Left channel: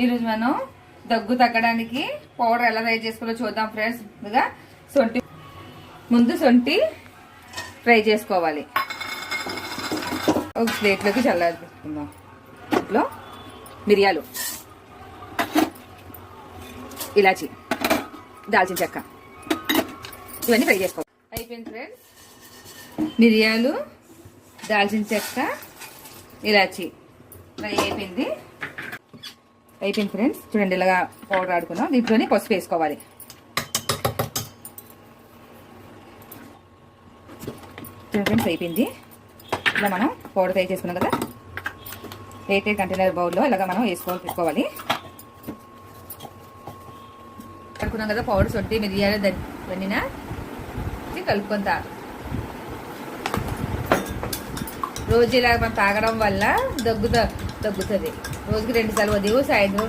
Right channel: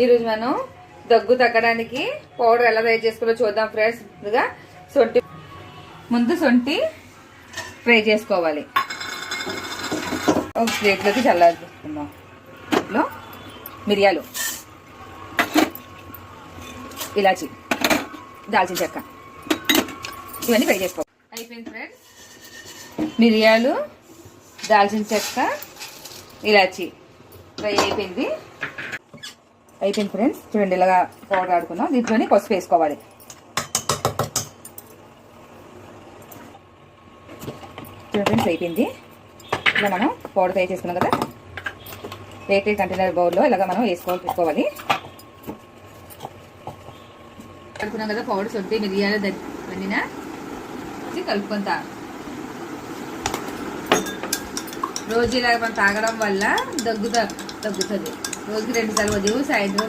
ఈరోజు మనం దగ్గు తగ్గడానికి పౌడర్ ఎలా తయారు చేసుకోవాలో చూద్దాం ఫ్రెండ్స్. ముందు సొంటి ఫ్రై చేసుకోవాలి. ఒక ప్లేట్లోకి చల్లారిపోసుకుందాం. ఇంట్లో మిరియాలు, ఇలాచి, దాల్చిన చెక్క ఇవన్నీ ఫ్రై చేసుకోవాలి. అయిపోయింది ఫ్రెండ్స్. మిరియాలు, దాల్చిన చెక్క, ఇలాచి ఫ్రై అయిపోయింది ఫ్రెండ్స్. చూడండి, ఇలాగా పౌడర్ ఆడుకున్నాం. దీంట్లోని పసుపు వేసుకోవాలి. చూడండి ఫ్రెండ్స్, అయిపోయింది. ఇలా మనం పౌడర్ తయారు చేసుకున్నాం కదా, ఎయిర్టైట్ కంటైనర్ బౌల్లో ఇలాగ మనం పెట్టుకోవాలి. కలుపుకున్నాం కదా పౌడర్, సొంటి మిరియాలు దండిన కలుపుకుంటా. రోజు ఇలా మనం తాగడం వల్ల తగ్గుతుంది. రోజుకి 2 సార్లు ఉదయం సాయంత్రం